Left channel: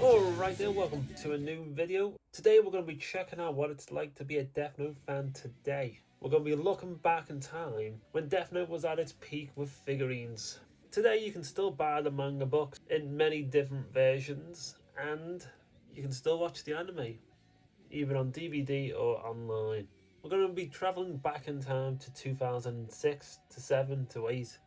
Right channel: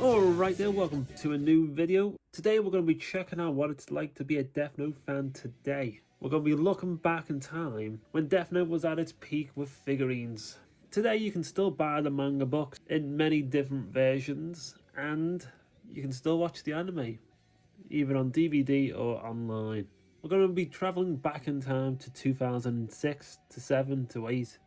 Alright then, welcome to a new video. Today we're going to be checking out what it's like to be a Death Note fan today. We're going to be looking back in time when Death Note was at its peak with figurines. Today you can still buy the manga books in many different versions, and you can still watch the anime, either on DVD or online. We're going to be travelling back in time to 2006 to 7 to 8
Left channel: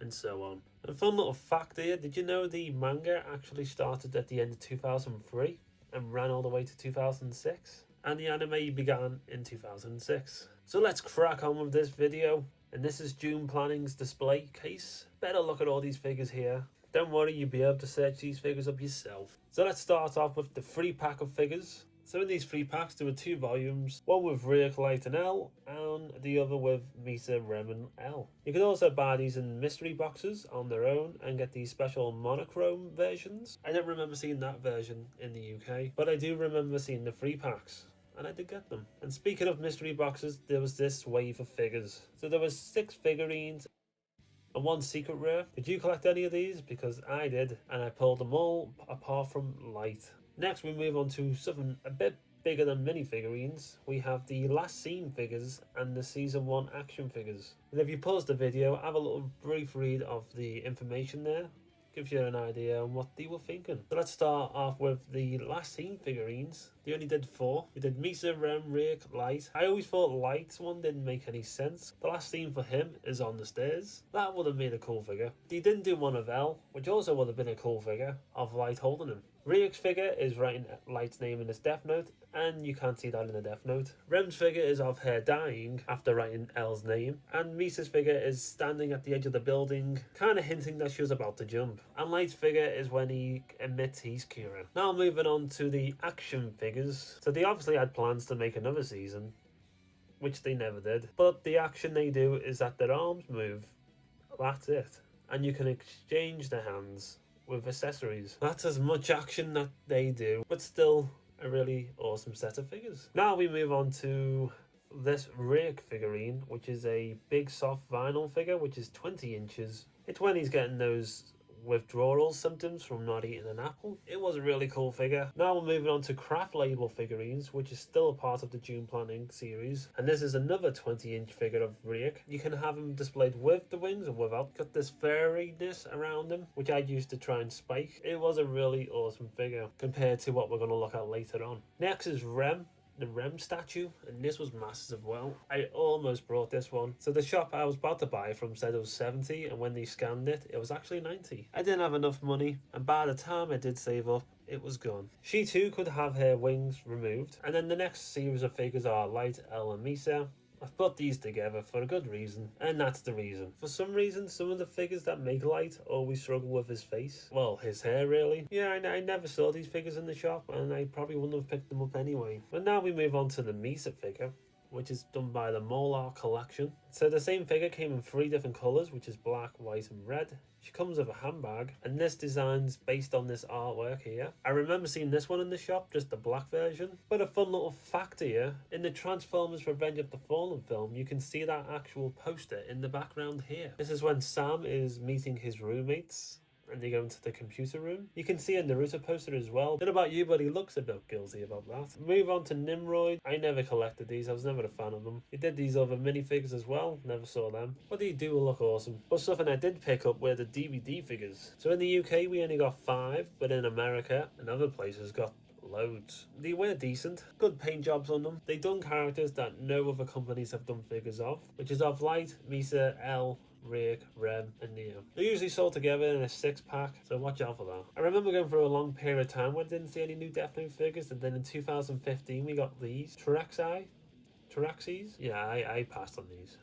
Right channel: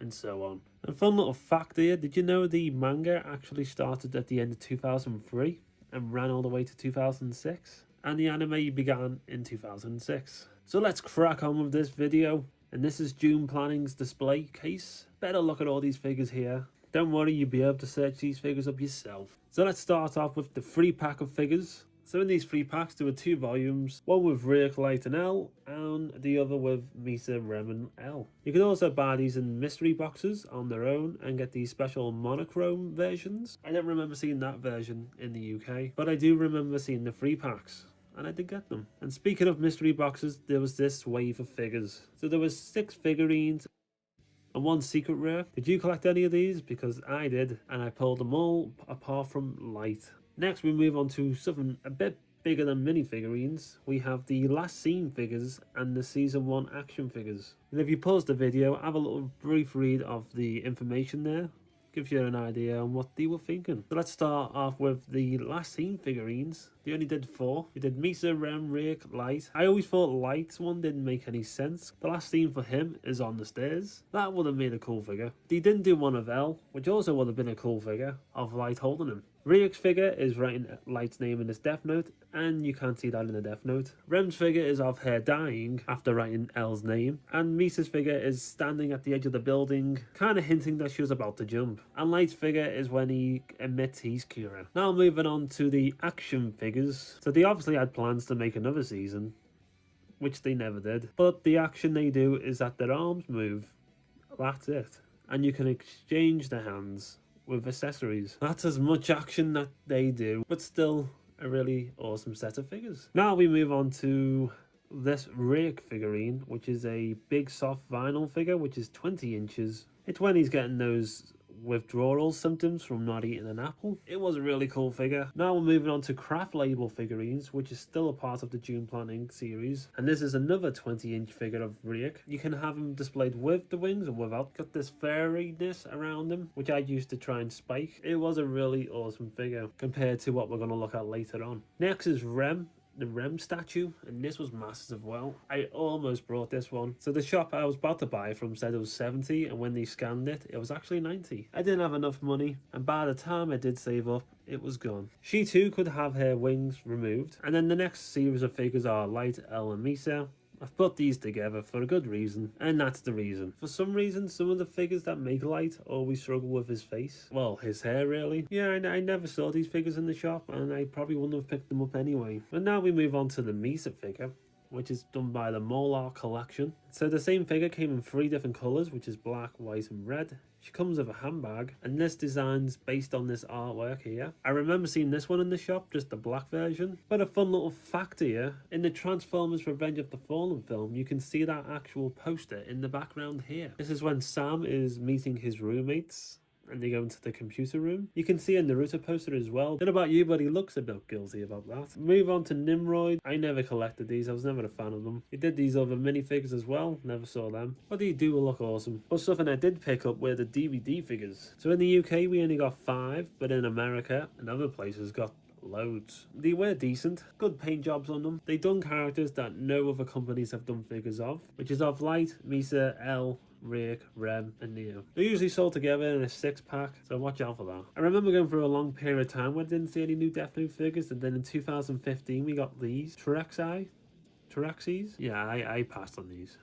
and so on. A fun little fact here, did you know the manga actually started at the end of 2003 and ran all the way to 2006? And the anime began in 2006. So let's crack on with this video. And this is June Planning's display case. Better look at all these figures here. Don't worry, you'll be able to search these figures up yourself. So let's start off with the free pack of figures. So in these free packs there were two volumes, one with Ryuk, Light and L, and the other with Misa, Rem and L. You can also buy these in mystery boxes on their own and get these special monochrome versions. I don't remember seeing that version in the UK, but I do remember seeing the free packs, and I did get them. And speaking of mystery boxes, there was this wave of figures. So there was 6 figurines and 1 secret rare. Did you collect any of these? Because I did, and I pulled them all apart from Light. Next we move on to something a bit bigger than minifigurines. We have the last scene figures and the season 1 action figures. And if you pause the video, have a little brief read of the information there. Gives you an idea on what they were thinking. So let's start off with the last scene figurines. They only did 4. We did Misa, Rem, Ryuk, Light. I always thought Light's one didn't make any sense. The last scene for him is on the stairs. That would have made a cool figure. They didn't do one of L, which also would have been a cool figure of Light holding him. Ryuk's figure is writing Light's name in his Death Note, and you can't see that in the Death Note. Rem's figure is of her dying after writing L's name, and Misa's figure is standing at the edge of the building, kind of hinting that she was about to jump. And Light's figure is when he admits he's Kira. Now moving on to the action figures. So they obviously had plans to make another season, which they never did. But the action they do is that their arms move. That's it. And you can exchange their hands with accessories. That's as much action that they do, but still a really awesome set of figures. Now we move on to this Ryuk figurine, which is a big soft vinyl figure, which is 20 inches. It's when he's getting those withdrawal symptoms from not eating an apple. It was a really cool figure. Now we're moving on to craft label figurines, which is still a part of the June Planning series, and this is another 20-inch figure of Ryuk. You can have him displayed with the wings and without. Got this furriness around him, which I used to try and spike. It was a really awesome figure compared to what we're going to look at later on. Next is Rem, the Rem statue, and this was massive as well. I almost brought this one. So the shop I was about to buy from said it was 70, and when they scanned it, it was actually 90. I didn't have enough money, and by the time I did save up, it was gone. She too could have her wings removed. And then the next series of figures are Light, L and Misa. I've put these together for a good reason, and that's the reason. For some reason, some of the figures that make Light always struggle with his face. Well, his hair really. Yeah, I never saw these figures in the shop, and I probably wouldn't have picked them up anyway. But now we move on to the Misa figure, which is done by the Molar collection. So the same figure came in 3 different colours, which is black, white and red. She comes with a handbag, and this design's based on this artwork here. I remember seeing this one in the shop, just the black version. But a fun little fact here, in the Transformers Revenge of the Fallen film, you can see that actual poster in the background here. This is when Sam is meeting his roommates, and they go into the computer room. You can see a Naruto poster as well. Don't know about you, but he looks a bit guilty about that. Move on to Nimrod. I never collected these. I was never a fan of them. They did these over minifigs as well. Never saw them. But they do look awesome. But something I did pick up were the DVD figures. So in the UK, we only got 5, but in America and other places got loads. They were decent, good paint jobs on them. They done characters that no other companies have done figures of, which is of Light, Misa, L, Ryuk, Rem and Neo. They're usually sold together in a 6-pack, so watch out for that. I remember going through a long period of time where I didn't see any new Death Note figures, and then in 2015 we got these Taraxis. Yeah, I passed on these.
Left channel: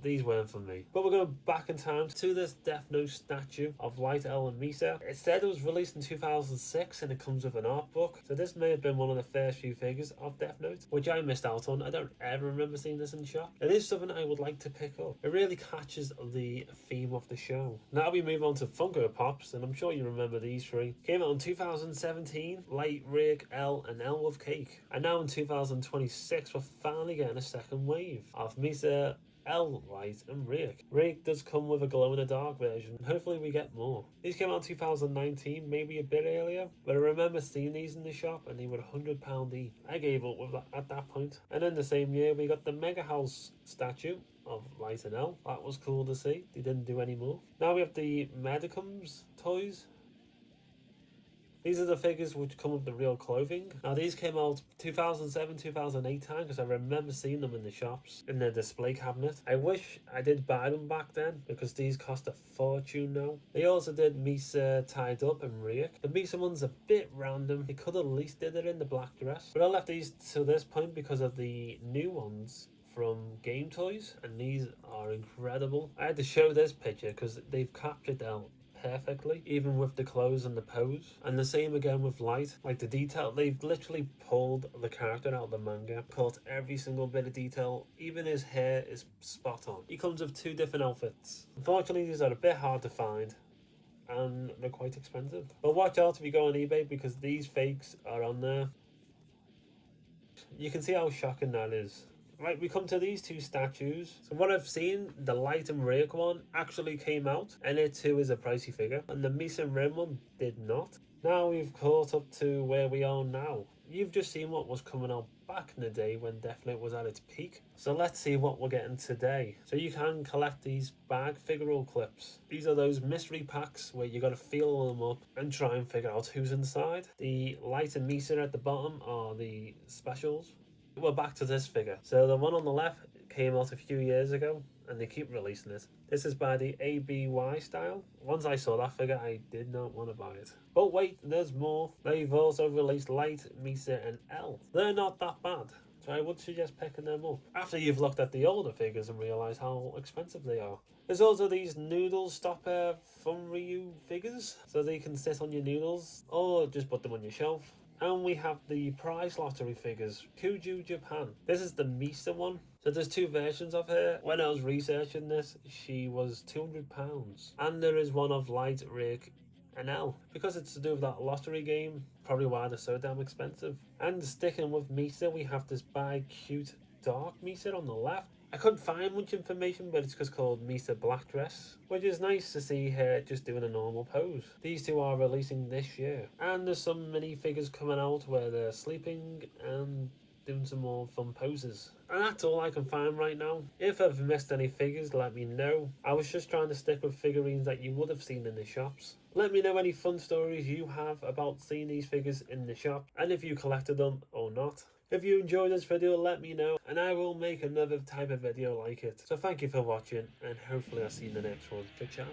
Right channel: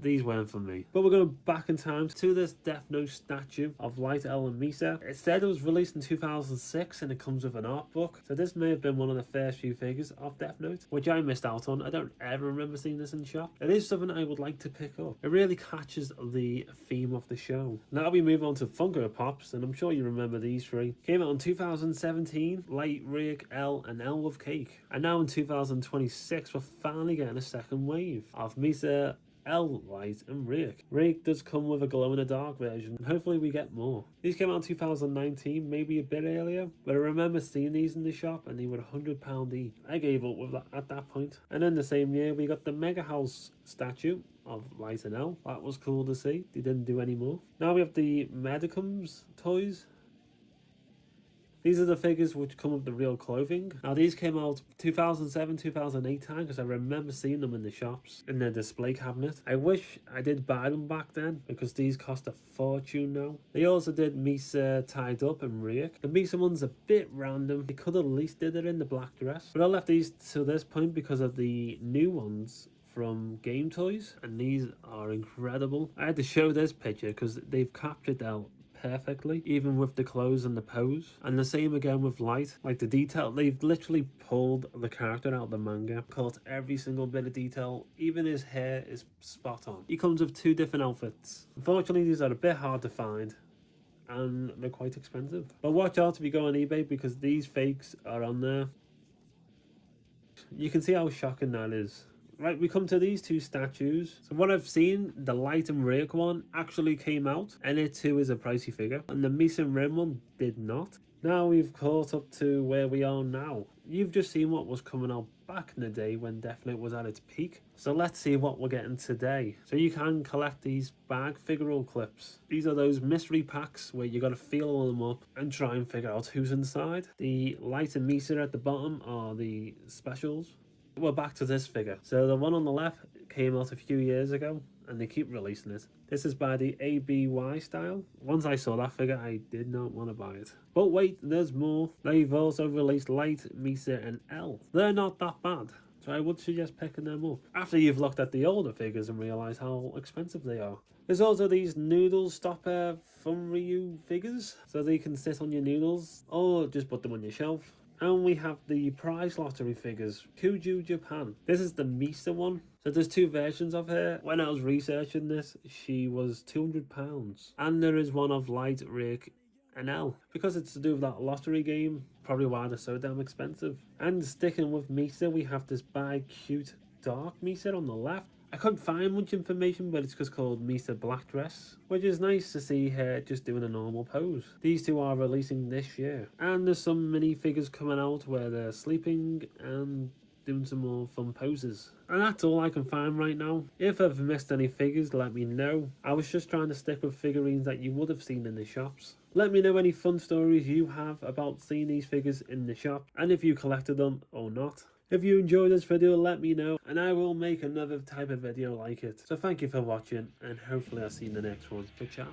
These weren't for me. But we're going back in time to this Death Note statue of Light, L and Misa. It said it was released in 2006 and it comes with an art book. So this may have been one of the first few figures of Death Note, which I missed out on. I don't ever remember seeing this in shop. It is something I would like to pick up. It really catches the theme of the show. Now we move on to Funko Pops, and I'm sure you remember these 3. Came out in 2017, Light, Ryuk, L and L with Cake. And now in 2026 we're finally getting a second wave of Misa, Elle, Light and Rake. Rake does come with a glow-in-the-dark version, and hopefully we get more. These came out in 2019, maybe a bit earlier, but I remember seeing these in the shop and they were £100 each. I gave up with that at that point. And then the same year we got the Mega House statue of Light and Elle. That was cool to see. They didn't do any more. Now we have the Medicums toys. These are the figures which come with the real clothing. Now these came out 2007, 2008 time because I remember seeing them in the shops in the display cabinet. I wish I did buy them back then because these cost a fortune now. They also did Misa tied up and Riek. The Misa one's a bit random. They could at least did it in the black dress. But I left these to this point because of the new ones from Game Toys, and these are incredible. I had to show this picture because they've captured them perfectly, even with the clothes and the pose. And the same again with Light, like the detail, they've literally pulled the character out of the manga, caught every single bit of detail, even his hair is spot on. He comes with 2 different outfits. Unfortunately these are a bit hard to find and they're quite expensive, but watch out if you go on eBay because these fakes are on there. You can see how shocking that is. Right, we come to these 2 statues. So what I've seen, the Light and Rake one actually came out, and it too is a pricey figure, and the Misa and Rim one did not. Now we've caught up to where we are now. You've just seen what was coming out back in the day when Death Note was at its peak. So let's see what we're getting today. So you can collect these bag figural clips. These are those mystery packs where you gotta feel them up and try and figure out who's inside. The Light and Misa at the bottom are the specials. We're back to this figure. So the one on the left came out a few years ago and they keep releasing it. This is by the ABY style. Once I saw that figure, I did not want to buy it. But wait, there's more. They've also released Light, Misa and Elle. They're not that bad, so I would suggest picking them up after you've looked at the older figures and realised how expensive they are. There's also these noodle stopper Funryu figures, so they can sit on your noodles or just put them on your shelf. And we have the prize lottery figures, Kuju Japan. This is the Misa one. So there's 2 versions of her. When I was researching this, she was £200. And there is one of Light, Rake and Elle. Because it's to do with that lottery game, probably why they're so damn expensive. And sticking with Misa, we have this big cute dark Misa on the left. I couldn't find much information, but it's just called Misa Black Dress, which is nice to see her just doing a normal pose. These 2 are releasing this year. And there's some mini figures coming out where they're sleeping and doing some more fun poses. And that's all I can find right now. If I've missed any figures, let me know. I was just trying to stick with figurines that you would have seen in the shops. Let me know any fun stories you have about seeing these figures in the shop and if you collected them or not. If you enjoyed this video, let me know and I will make another type of video like it. So thank you for watching and hopefully I'll see you in the next one. Ciao.